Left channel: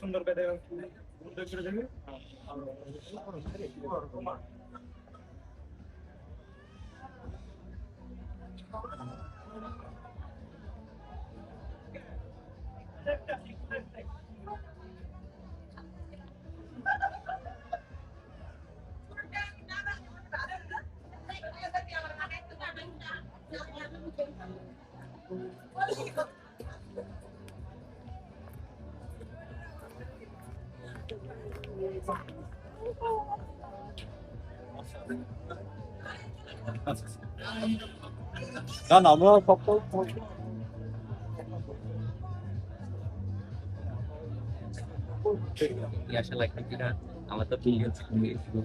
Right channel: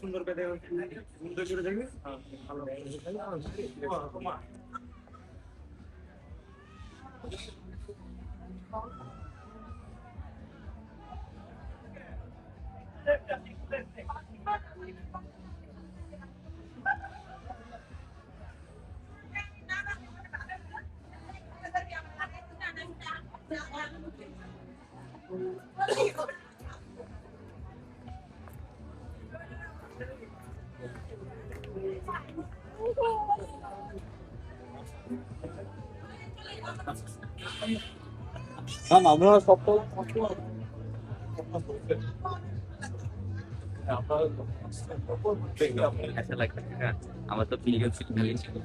সুন্দর করে দেখবি। না না আমরা সব আশা লাগছে না, আমার তো ফিলিং ছিল।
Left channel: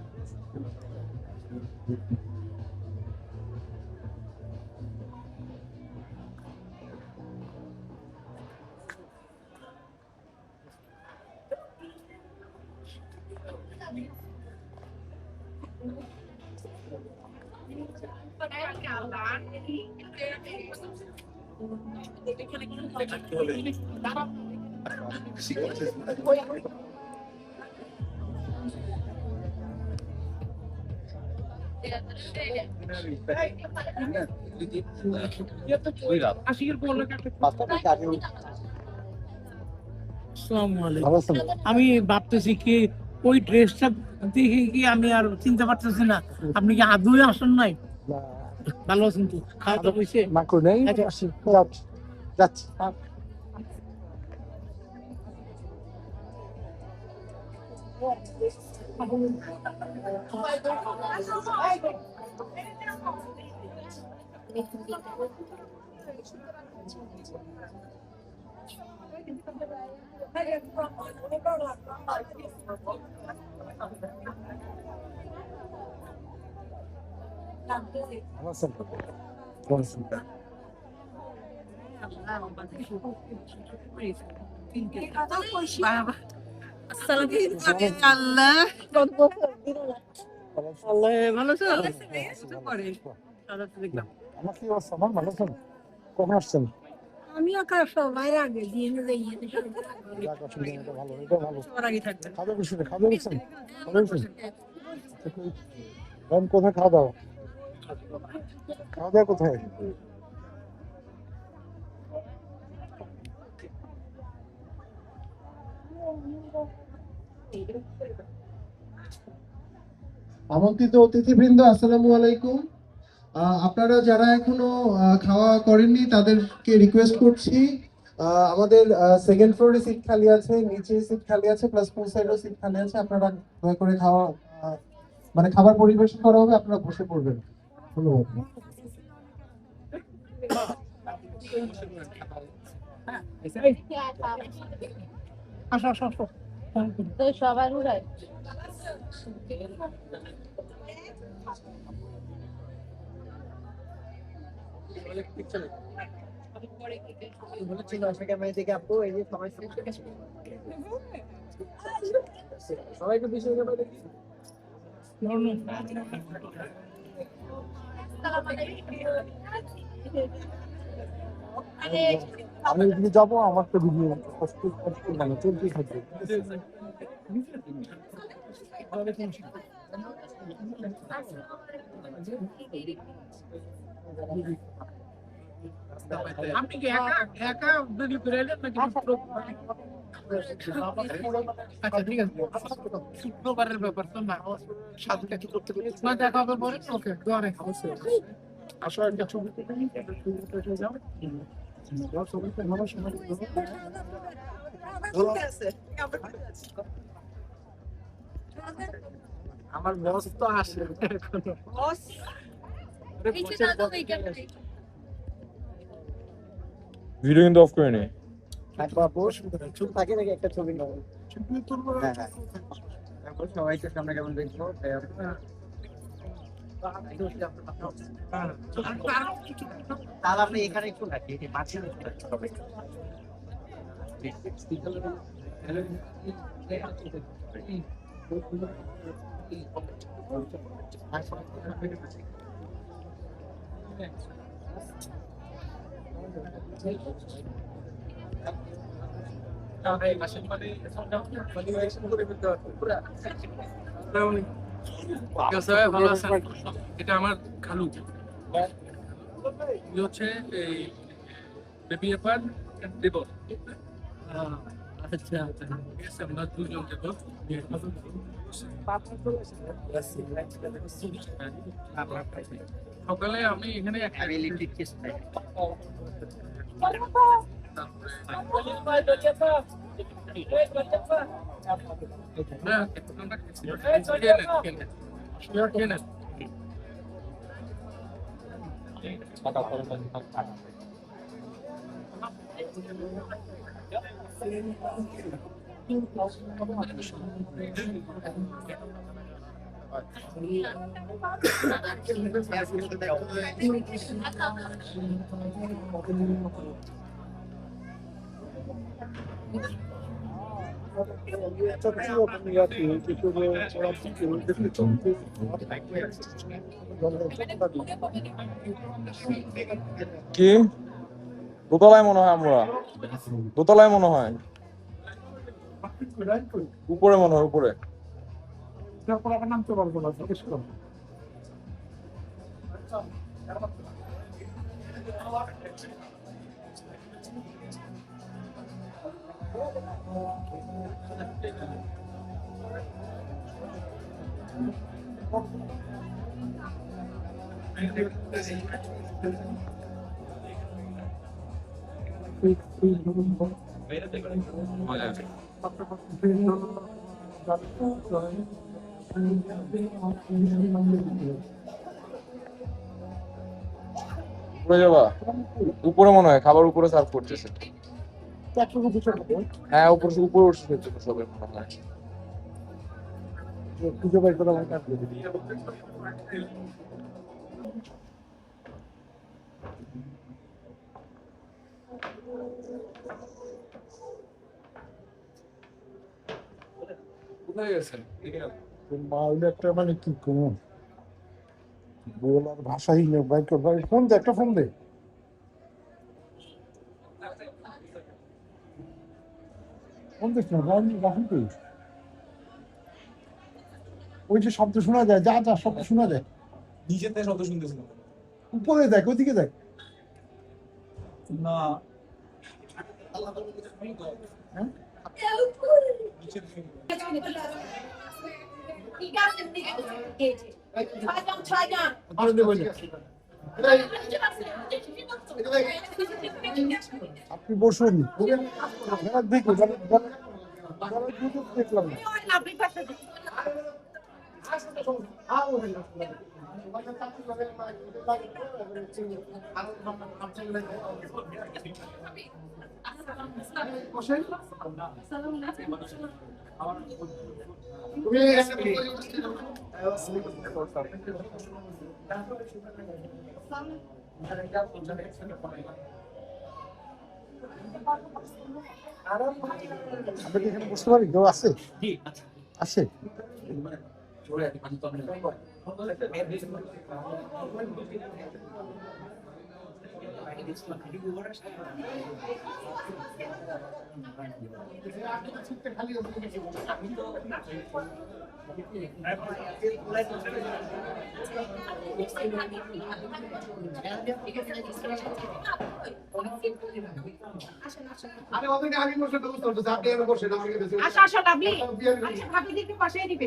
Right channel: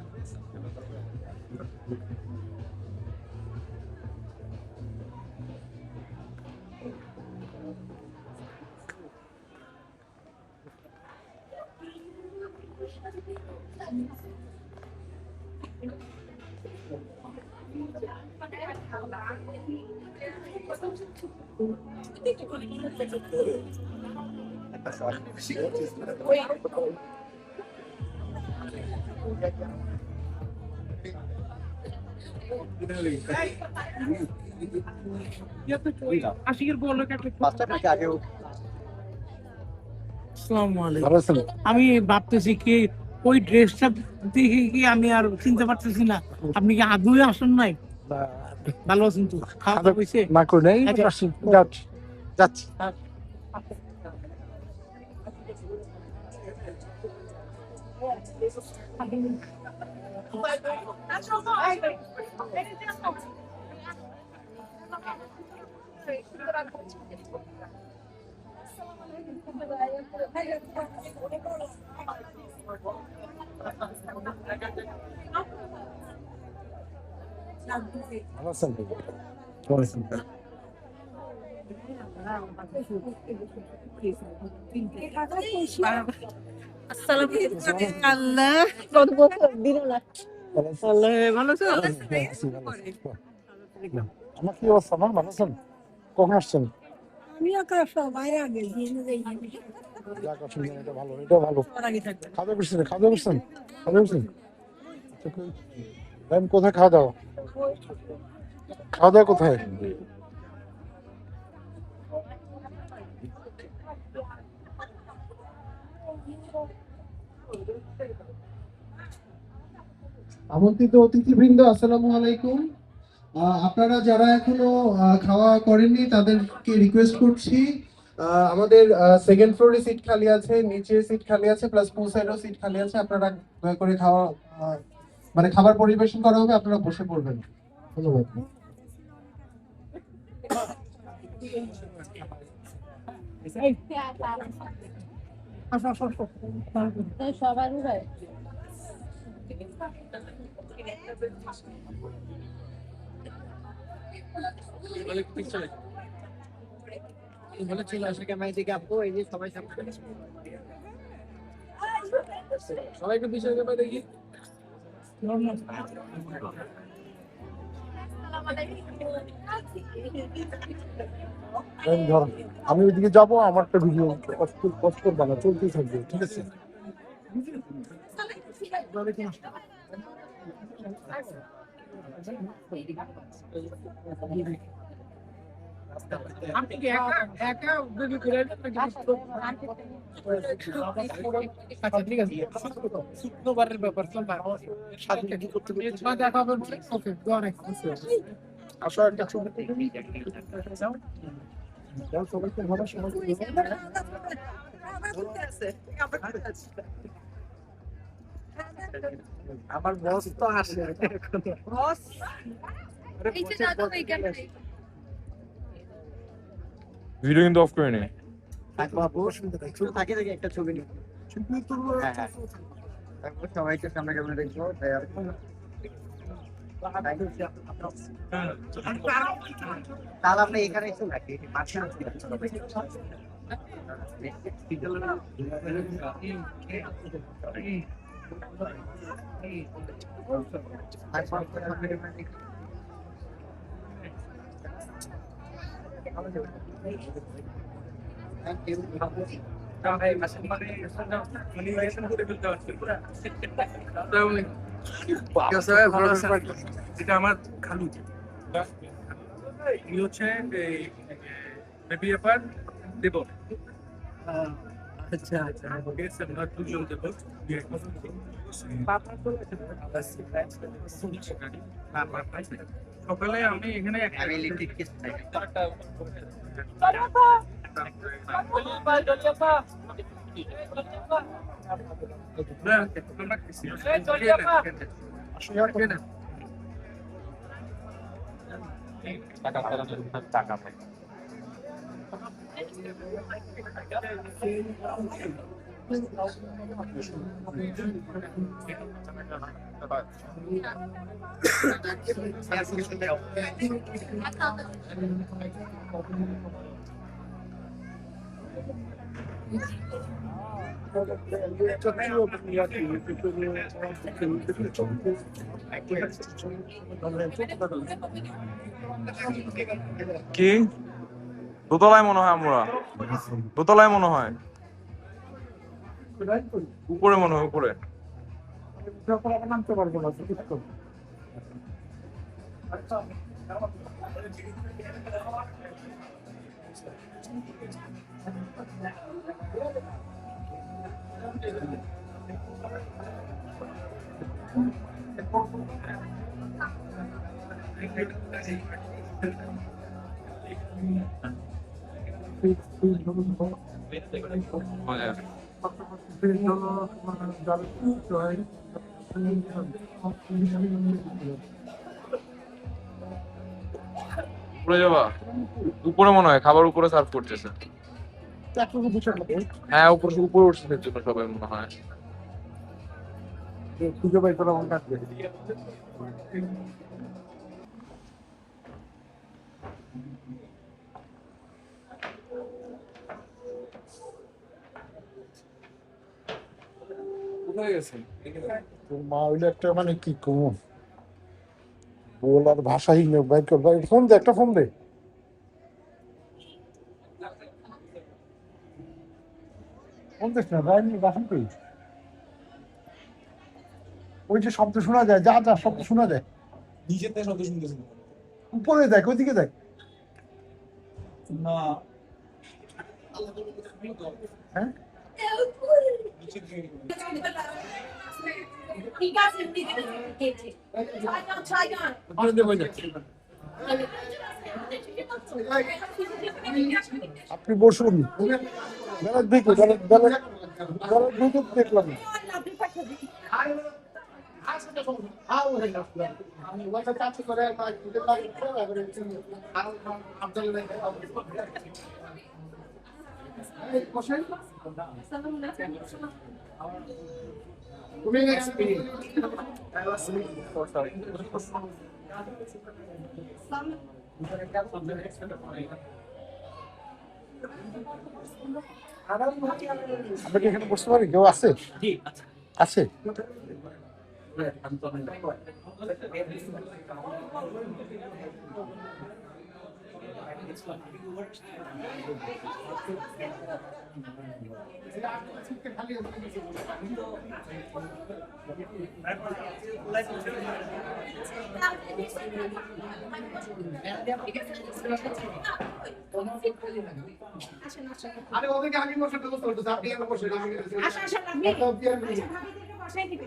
আমি ভাবতেছি কি ওই ড্রেসটা দেখে কি আমি আর চিনতে পারতেছি না। আপনি কি আদৌ আসেন নাই? ভালো আছেন তো? খাওয়া দাওয়া হয়েছে? না করে নেই, যাচ্ছি। কখন আসছেন? আমি সবাই আগে কোথায় খাওয়া দাওয়া? খাওয়া দাওয়া কোথায়? আমন্ত্রিত অতিথিবৃন্দ, আসসালামু আলাইকুম। আপনারা যারা এখনো খাওয়া করেননি তাদেরকে রিকোয়েস্ট করছি, আমাদের সেকেন্ড ফ্লোরে সিট খালি আছে, নিচে সিট খালি আছে, প্লাস পুল সাইডেও সিট খালি আছে। আপনারা দয়া করে খাওয়া মানে খাবার পরিবেশন করা হবে, আপনারা বসে পড়বেন। ধন্যবাদ। সবার চলে আসে ক্যামেরা থেকে আপু, এই যে সবাই সবাইকে বিষয় ব্যাপারে দেখি। আমি এদিকে যাবো, আমার একটা ভিডিও কষ্ট করবে না, চলতেই থাকবে, ঠিক আছে? আপনি কি একা ভিডিও করে এলেন নাকি? আচ্ছা ঠিক আছে, শুক্রবারের ব্যাপার তো না, দেখা হবে পরে। ওকে, দোয়া রেখো। আসো একটা ছবি যাও, সবাইকে ভালো সময় আমার বস তো আসে ভিডিও কিন্তু অফ করে নে। থাকে একটা ছবি নেব, সবাইকে সামনে কেমন দেখবো। তাহলে আপনি এখানে একটু রাখি, মাঝখানে ভালো আছেন? এটা আমার খালু, উনি হচ্ছে এই বেবি এপার দেব। আচ্ছা আচ্ছা ঠিক আছে, আমরা দুজন দেব। সকালে আমি এখানে টাকা পাই। কি দোতলায় মনে হয়, আমরা দোতলায় মনে হয়, উপরে মনে হয়, উপরে। নামতে পারবো না, উপরে যাবা? উপরে মনে হয় খাবার উপরে সার্ভ করতেছে। হ্যাঁ, উপরে উপরে উঠছে জন্য সবাই মনে হয়। খুঁজে পাই তোরা আমার কাছে। কোথায় গেছেন? তোর মা হইলে একটা মানে কি কম বল আর ভাষাহীন বাইক ফোন দে, একটা ফোন দে। ফোন দিস না ভাই, রাখুন তুই। ওই যে শব্দ শোনা যায়, যা যা শব্দ শোনা যায়, নিচের থেকে শব্দ শুনতেছি উপরে দেখ, ওইদিকে দেখ। না। হ্যাঁ, ঠিক আছে, ছয় জন আপনি বসুন। বেলাত ভিতর, বেলাত ভিতর দেখলাম না। আমরা কি এখানে বসতে পারি? কেউ আছে? আছে? আরে ওদিকে আগে বসে তো বসতে হতো, আপনি এখানে বসে আচ্ছা আচ্ছা ভাবি, আচ্ছা ভাবি দেখে বাসায় দিবে।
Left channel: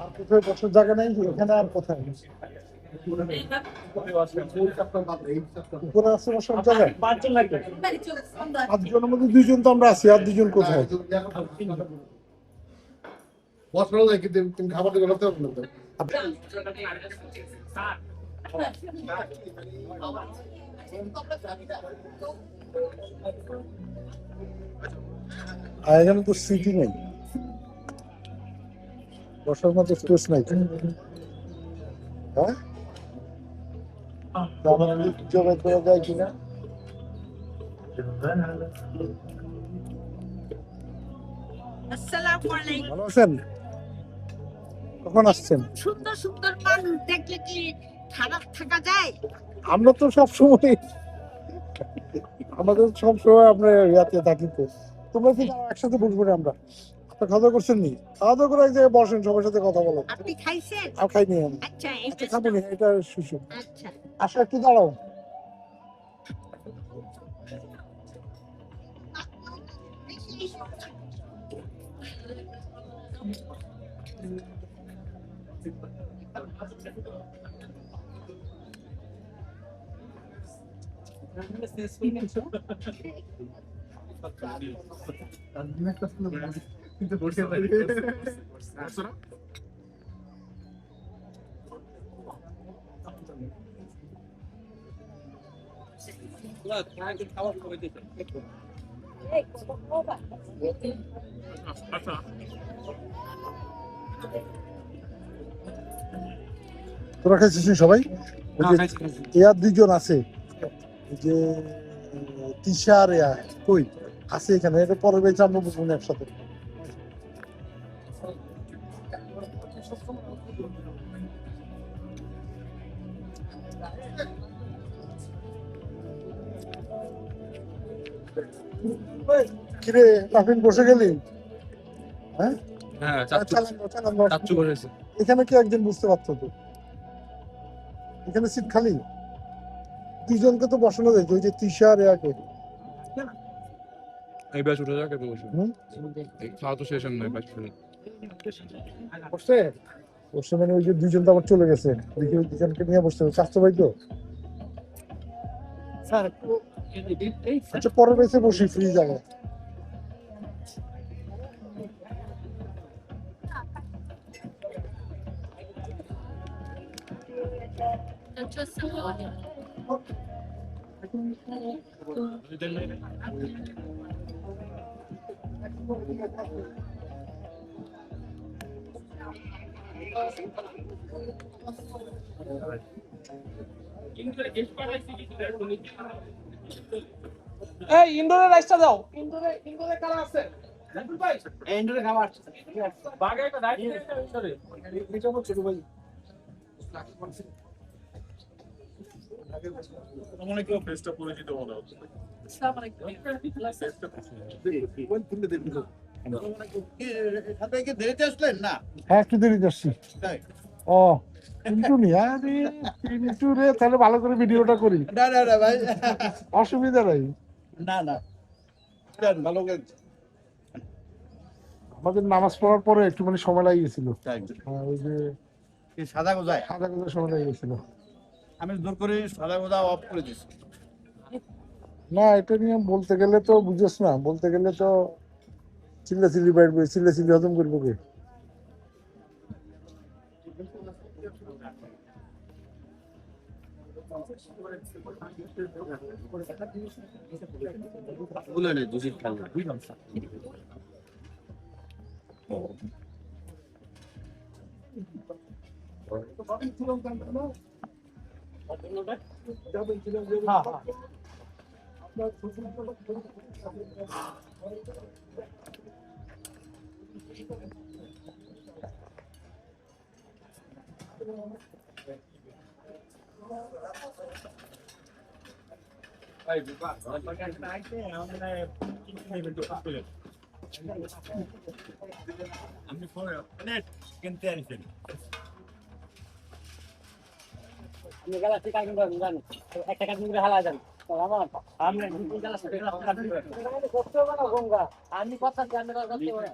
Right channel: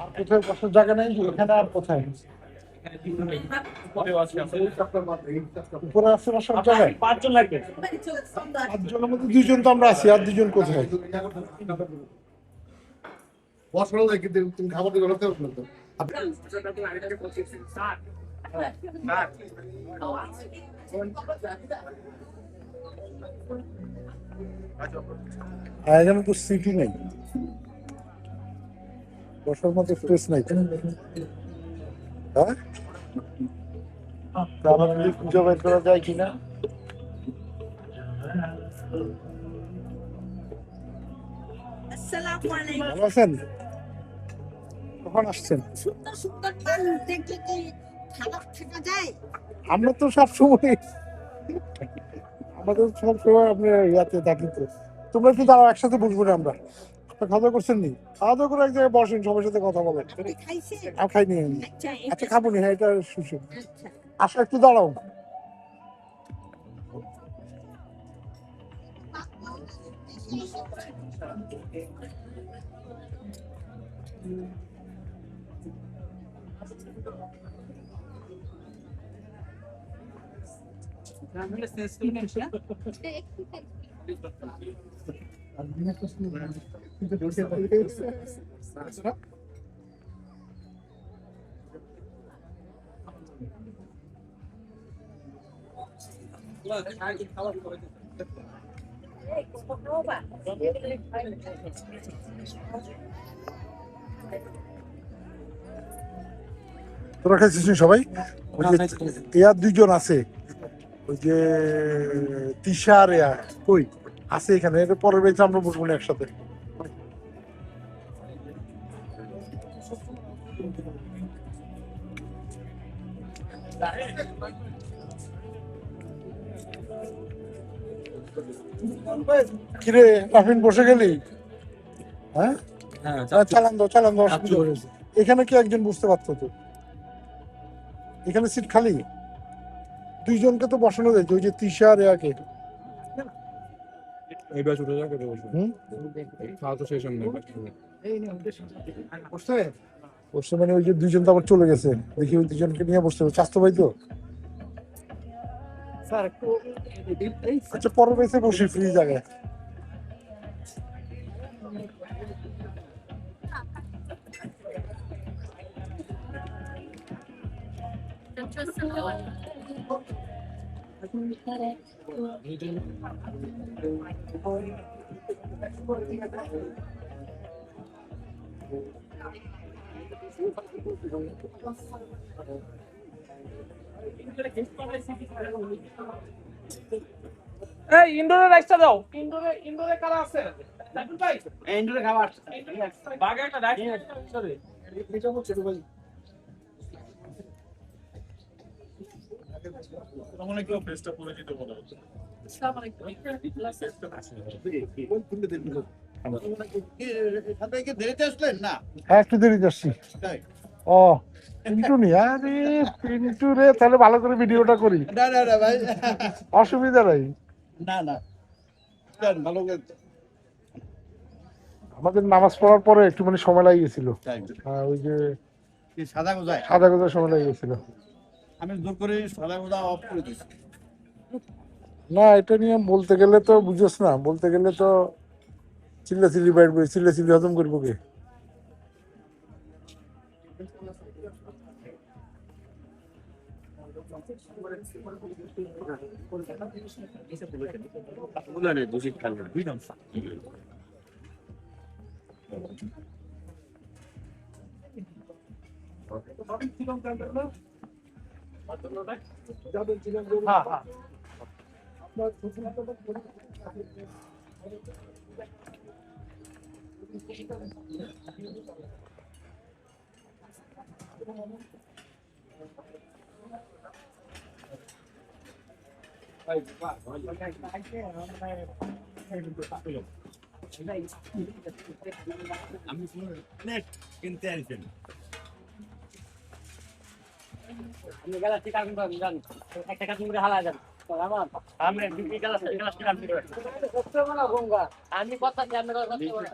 আর কোথায় বসার জায়গা নেই এখানে? আর কোথায় উপরে আছে বসার জায়গায়? 5 জন লাগবে। 5 জনের মধ্যে 2 জন তো আমরা আছি, আর 2 জন কোথায়? বসলো না, কিন্তু তুমি খাবার দিকে করতে হবে না তো। আর এখানে তো সিটি নেই, বসার মতো স্পেস নাই। হ্যাঁ, আমাদের খুঁজে বের করা যায় কিনা? আসসালামু আলাইকুম। ভালো আছেন? কখন আসছেন? সুন্দর সুন্দর মানুষ দেখলে কি খারাপ থাকা যায়? আমরা তো সবসময় আমাদের সবসময় আমরা ইয়াতে থাকি তো। তোমরা কি তারা একসাথে বসবো না আমরা? আপনার খাওয়া দাওয়া করছেন নি? খাওয়া দাওয়া করে এক জায়গায় বসেন, সবার সাথে কথা বলেন। আপনি খাইছেন? আর খাইনি আমি। আচ্ছা আচ্ছা খাবো না, হ্যাঁ এটা সুসু। আচ্ছা। আসো একটু দাঁড়াও। তোরা খাইছিস নি সবাই? ওই যে এয়া দুইজন আছে, ওই যে তিশা আর এয়া কই আছে এখানে, এটা পরের বেঞ্চে আমরা বসবো না একসাথে। কিরে রাফিন বসে গেলি? হ্যাঁ চালান দাও চালান দাও। এখানে কি একজন বুঝতে পারতো তো? এখানে সিট খালি, দুইজনকে তো বসানো যায়, ওই যে তিশা আর এয়াকে। এই ব্যাচ উঠে যাক, এটা বসে হুম? খাওয়া তো শেষ হয় ব্যাচ বসছে বসছে মানে ওই যে দুইজন তো আবার চলে গেছে, দেখি ওই দুজনকে নিয়ে বসতে হবে। স্বাস্থ্য ভাই তো আচ্ছা পরের বেসে বসি ফ্রি জায়গায়। এই ইনডোরে রাইসটা দাও। ইনডোরে কারা আছে? সাইফুল ভাই ইনডোরে খাবার বাগে একটা রাইস ইনডোরে এটা হচ্ছে ভাই। আমার একটু ফেসটা পরিচিত মনে হচ্ছে। আসসালামু আলাইকুম। হ্যাঁ একটু দেরি যাচ্ছি। ও পিন্টু নি, আরে পিন্টু রে, তাহলে ভালো করে ভিডিওটা করি। না ভাই, অসুবিধা নাই। না ভালো আমাদের নামাজ পড়ার পরে একটু মানে সময় লাগিয়ে গেছিল। হ্যাঁ ওই যে সাদা গোজায় সাদা কথা সময় লাগিয়ে গেছিল। আমি জোর করে সাদা গোজা অফ করে দিয়েছি। না এটা নিয়ে বলতে গেলে তো বুঝোস না, বলতে গেলে তো চিল্লাচিল্লি বাইরবে, চিল্লাচিল্লি হজম করবো কে? দূষিত খালি আমি কিনতে আনছেন। আমি গেলা ঠিক আছে জান একটা কাজ করে হালা যান আমার আমরা দুই গেলা করতে হবে না গঙ্গা আমি কথা জানি না করতে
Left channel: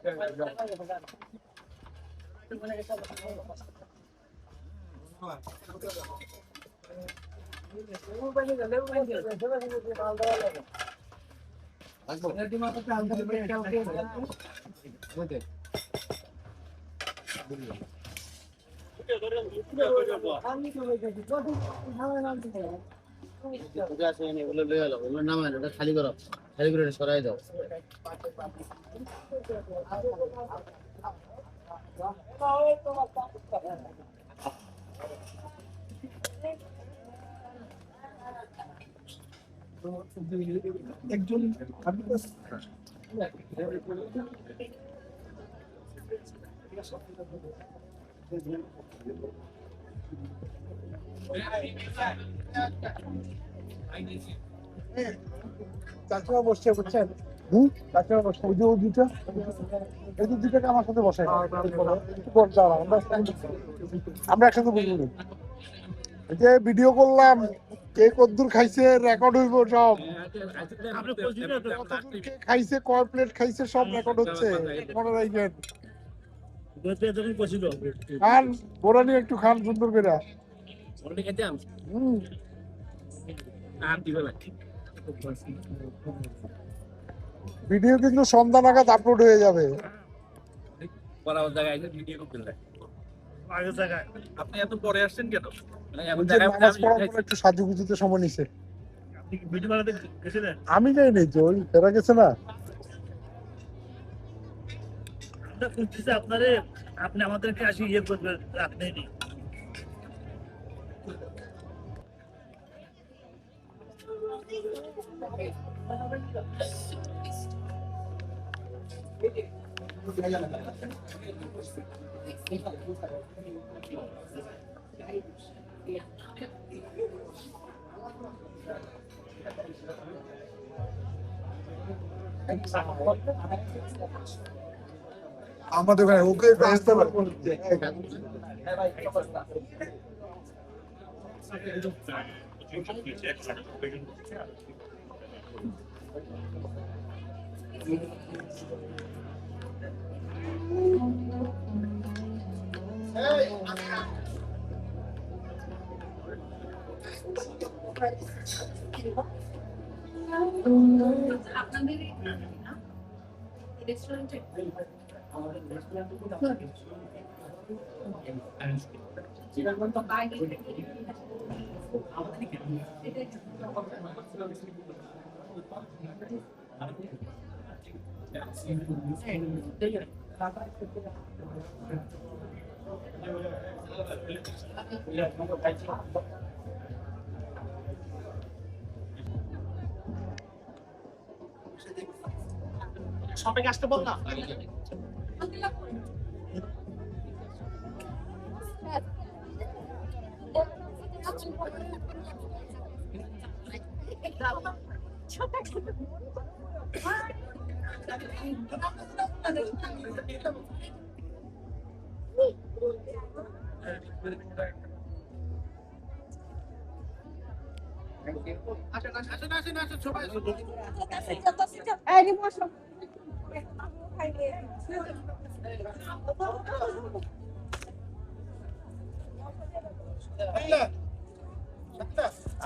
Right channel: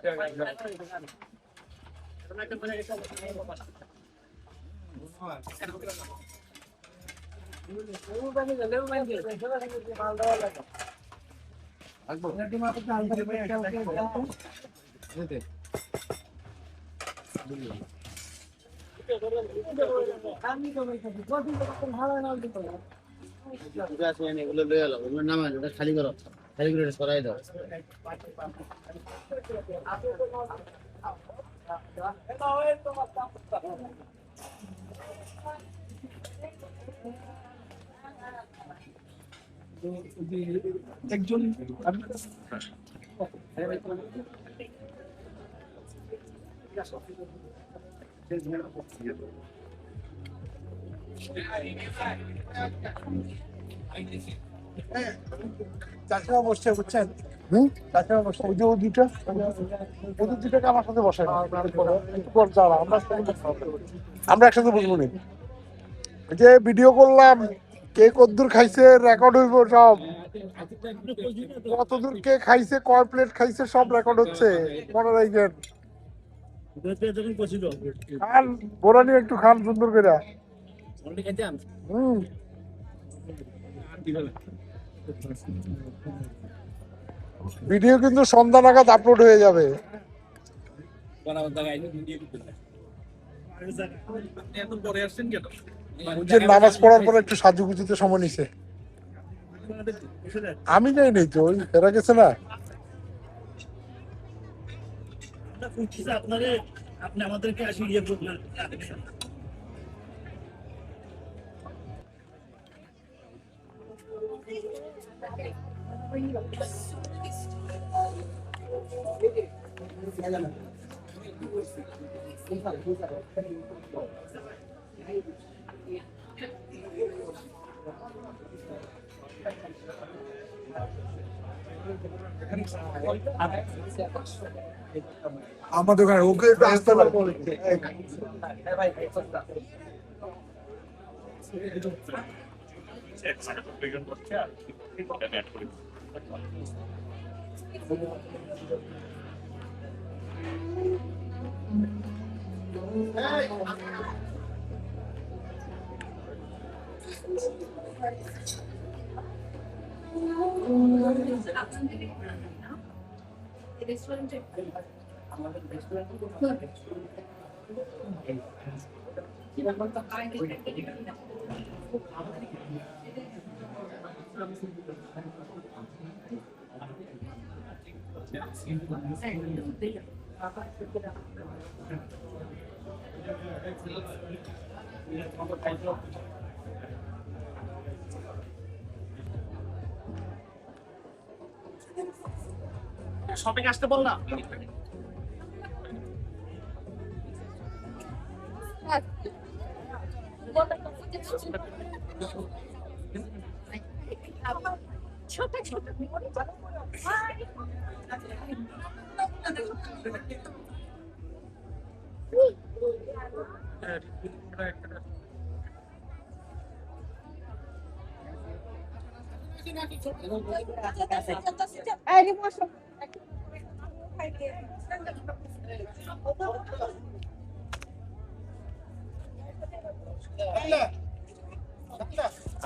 খালি করো, খালি করে সরাই দাও। একজন চাচিমা বসছে বুঝছেন, চাচিমা বসছে, ওই যে ওদের দুটাকে আমার সাথে বসাই একটু পর দাঁড়া, আমরা একসাথে বসবো না। ওই যে ভিডিও করলাম, কে কতদূর খাইছে রেকর্ড হইব সব, কতদূর কে খাইছে, কয় প্লেট খাইছে সব রেকর্ড হচ্ছে, মনে রাখবেন। খান বোরানি একটু খান সুন্দর করে। ভিডিও কিন্তু সন্ধ্যা নাগাদ আপলোড হয়ে যাবে। আপনি এত পরে আসছেন কেন? যে নামাজ পড়ার পর একটু সাজুগুজুতে সময় নিছে। আমি যাই নাই তো, ওই এরা গেছে না। আপনি আমাদেরকে আসি ইয়ে করবেন, আপনি আমাদের ওখানে ওকে একটু আসতে পারবো। শপিং আসতে বল না।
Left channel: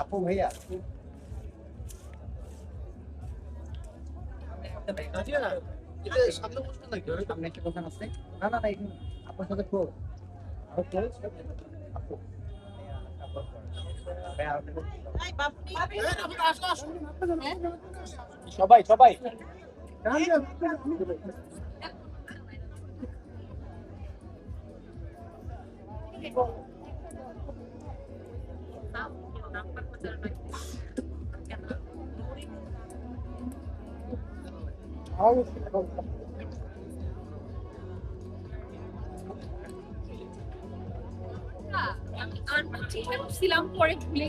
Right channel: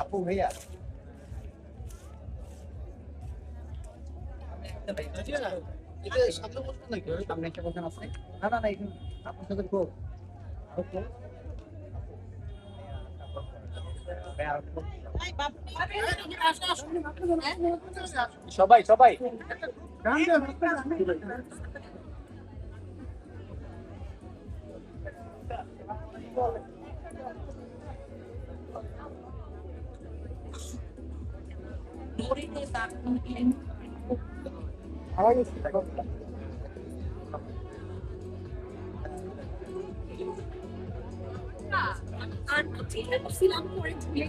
আপু ভাইয়া সামনে বসবেন নাকি? সামনে একটা বসান আছে। না না না, এখানে আপনার সাথে ক্লোজ আরো ক্লোজ। আপু সবাই সবাই ছিলাম পরে ভুলে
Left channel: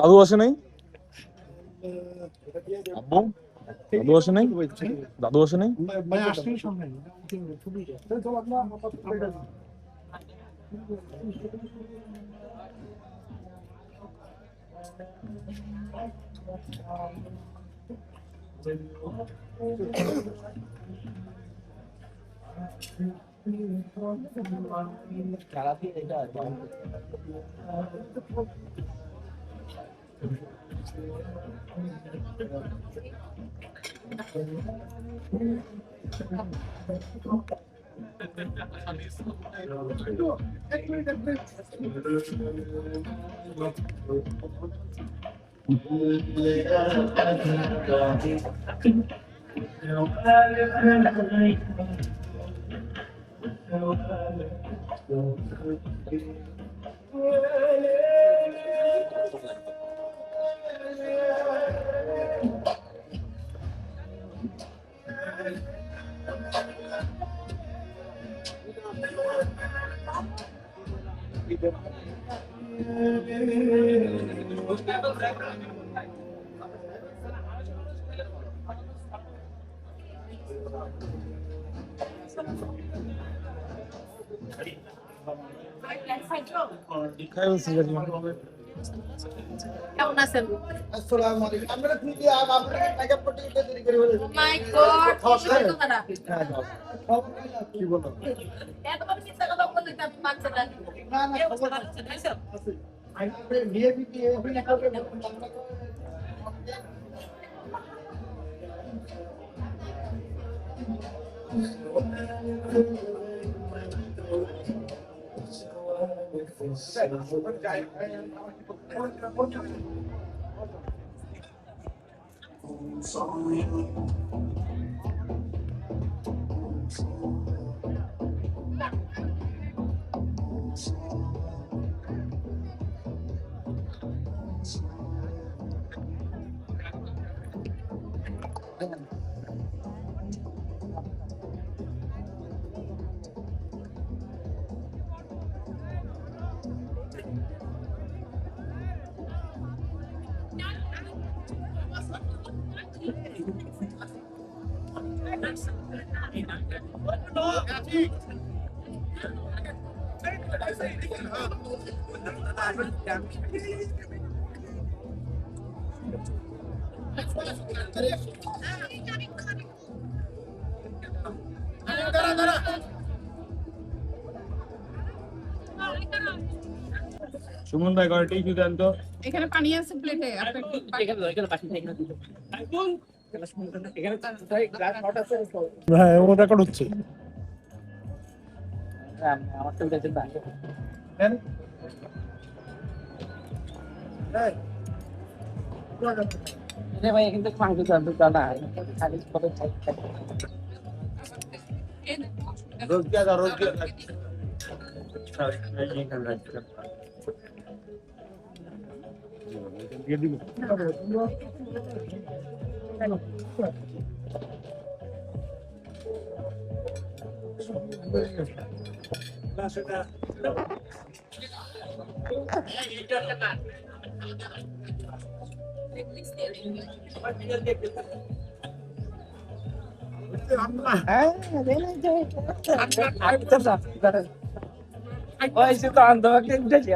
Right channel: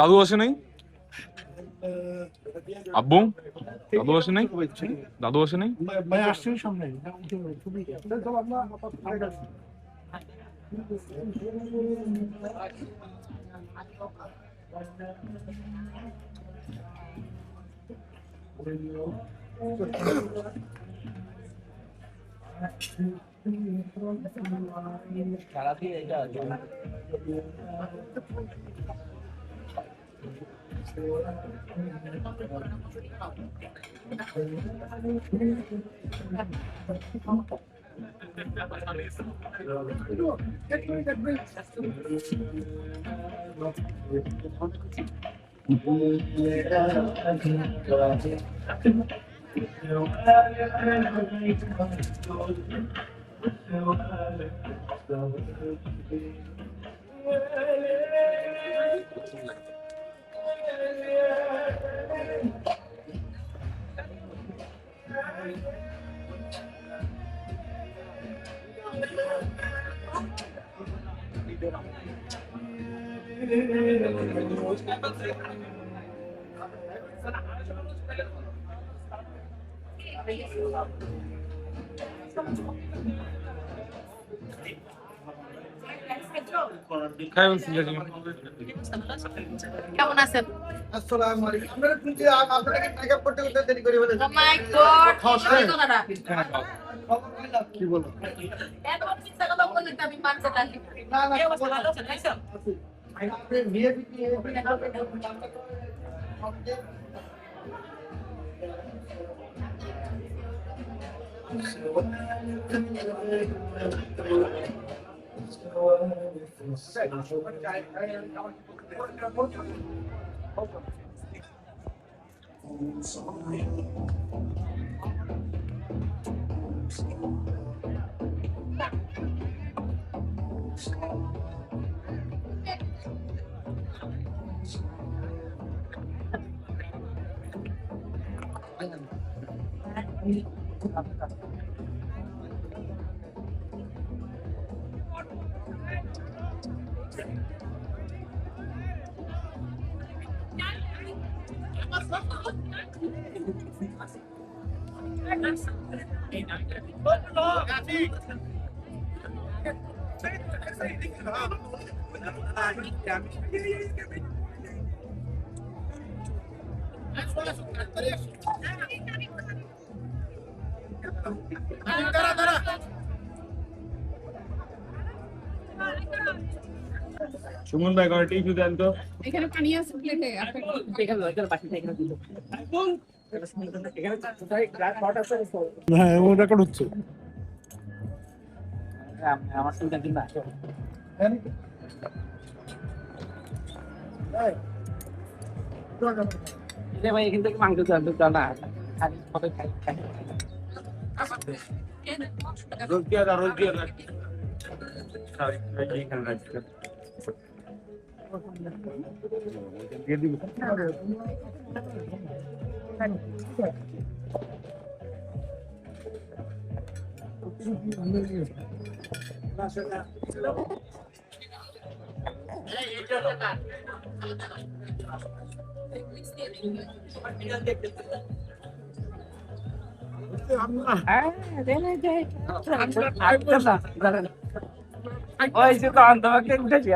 দাদু আসে নাই? আব্বু দাদু আসে নাই? দাদু আসে নাই? ভাই আসছে সামনে। খাই বলছি কেমন আছেন? আসসালামু আলাইকুম। আপনারা কিন্তু আপনারা টাকা করতে করতে দেরি করে ফেলেছেন। Oh my God! কি বলো? এত চিন্তা কথা বললে তো আমি মানতে লাগি। না না কি অবস্থা? ভালো আছেন? আইসা? আপনি বিয়ে দিয়ে সুমন ভাই ঘরে টিভি দেন তো। এখানে পানি আছে প্লেটে। এখানে পাশে এখানে দিল এখানে তাই গ্লাস শট আছে হ্যাঁ ও রেকর্ড হচ্ছে। আমার তো দেখেন না রে ভাই এখান থেকে মাংস জানতো না খালি পরে খাই রোজ দিয়া দাও, রোজ দিয়া দাও। এইখানে রাখছি। দিয়ে দিব। ওই সে তো আন্দোলনকে উঠেছে